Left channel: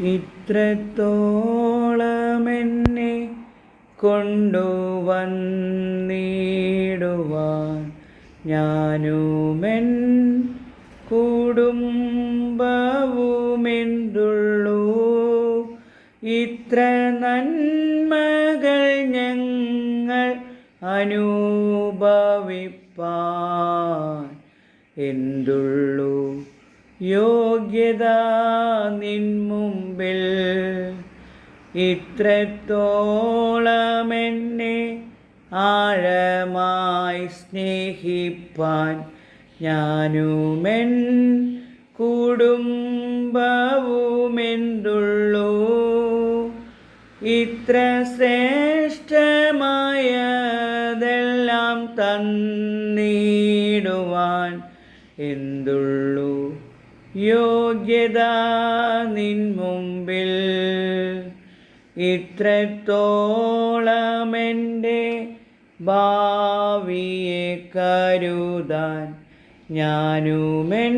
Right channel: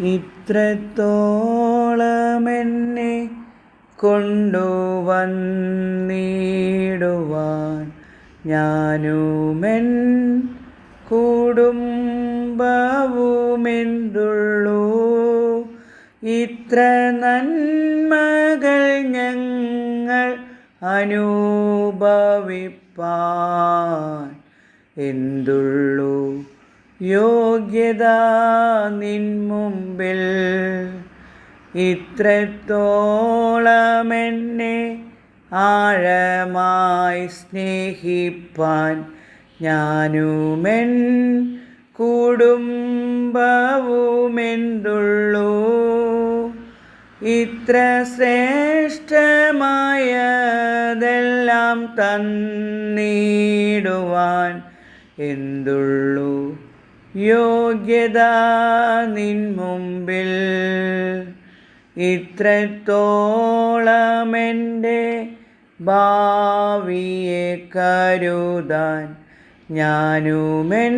ഇത്രത്തോളമെന്നെ കൊണ്ടുവന്നിടുവാൻ ഞാനുമെൻ കുടുംബവുമെന്തുള്ളൂ. ഇത്ര നന്മകൾ ഞങ്ങൾ അനുഭവിപ്പാൻ എന്തുള്ളൂ? യോഗ്യത നിൻ ഇത്രത്തോളമെന്നെ ആഴമായി സ്നേഹിപ്പാൻ ഞാനുമെൻ കുടുംബവുമെന്തുള്ളൂ. ഇത്ര ശ്രേഷ്ഠമായതെല്ലാം തന്നിടുവാൻ എന്തുള്ളൂ. യോഗ്യത നിൻ മുമ്പിൽ ഇത്രത്തോളമെന്റെ ഭാവിയെ കരുതാൻ ഞാനുമെൻ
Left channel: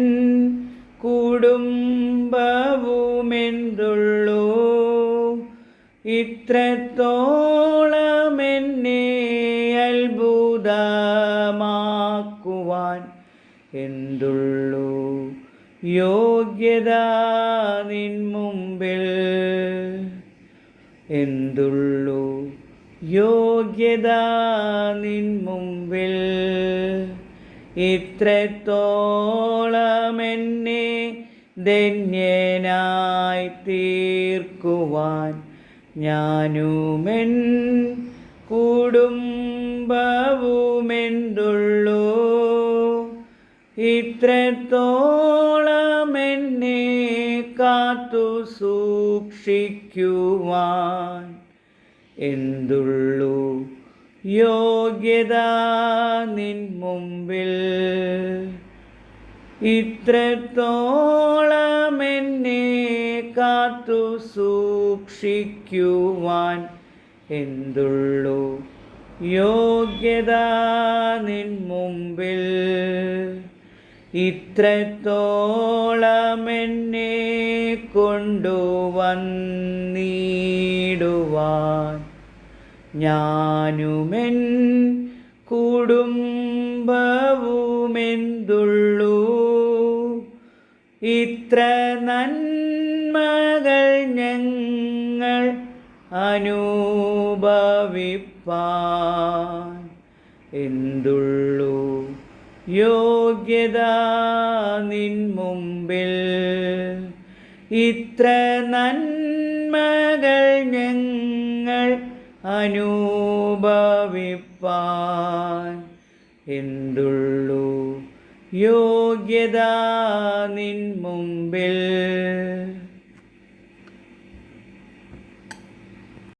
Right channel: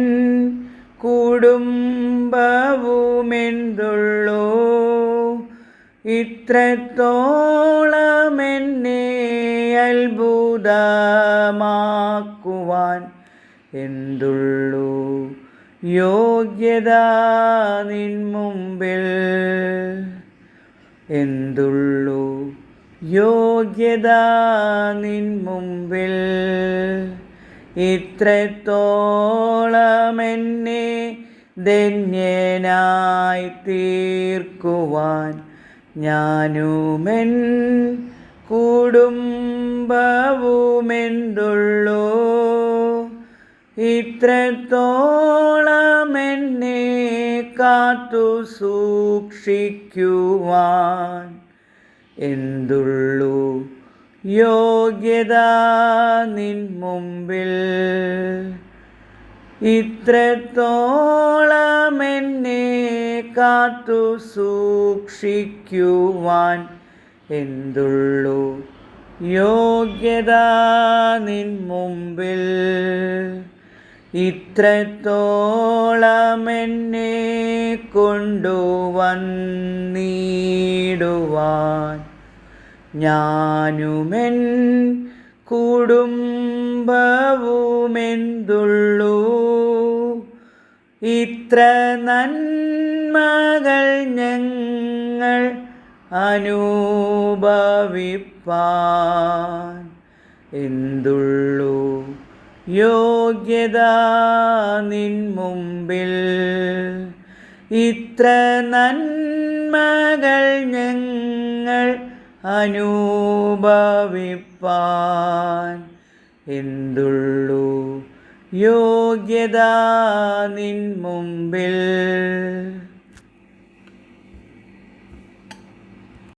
കുടുംബവുമെന്തുള്ളൂ? ഇത്രത്തോളമെന്നെ അത്ഭുതമാക്കുവാൻ എന്തുള്ളൂ? യോഗ്യത നിൻ മുമ്പിൽ എന്തുള്ളൂ? യോഗ്യത നിൻ മുമ്പിൽ. ഇത്രത്തോളമെന്നെ ധന്യനായി തീർക്കുവാൻ ഞാനുമെൻ കുടുംബവുമെന്തുള്ളൂ? ഇത്രത്തോളമെന്നെ കാത്തു സൂക്ഷിക്കുവാൻ എന്തുള്ളു യോഗ്യത നിൻ മുമ്പിൽ? ഇത്രത്തോളമെന്നെ കാത്തു സൂക്ഷിക്കുവാൻ എന്തുള്ളു യോഗ്യത നിൻ മുമ്പിൽ? ഇത്രത്തോളമെന്നെ കൊണ്ടുവന്നിടുവാൻ ഞാനുമെൻ കുടുംബവുമെന്തുള്ളൂ. ഇത്ര നന്മകൾ ഞങ്ങൾ അനുഭവിപ്പാൻ എന്തുള്ളൂ? യോഗ്യത നിൻ മുമ്പിൽ. ഇത്ര നന്മകൾ ഞങ്ങൾ അനുഭവിപ്പാൻ എന്തുള്ളൂ? യോഗ്യത നിൻ മുമ്പിൽ.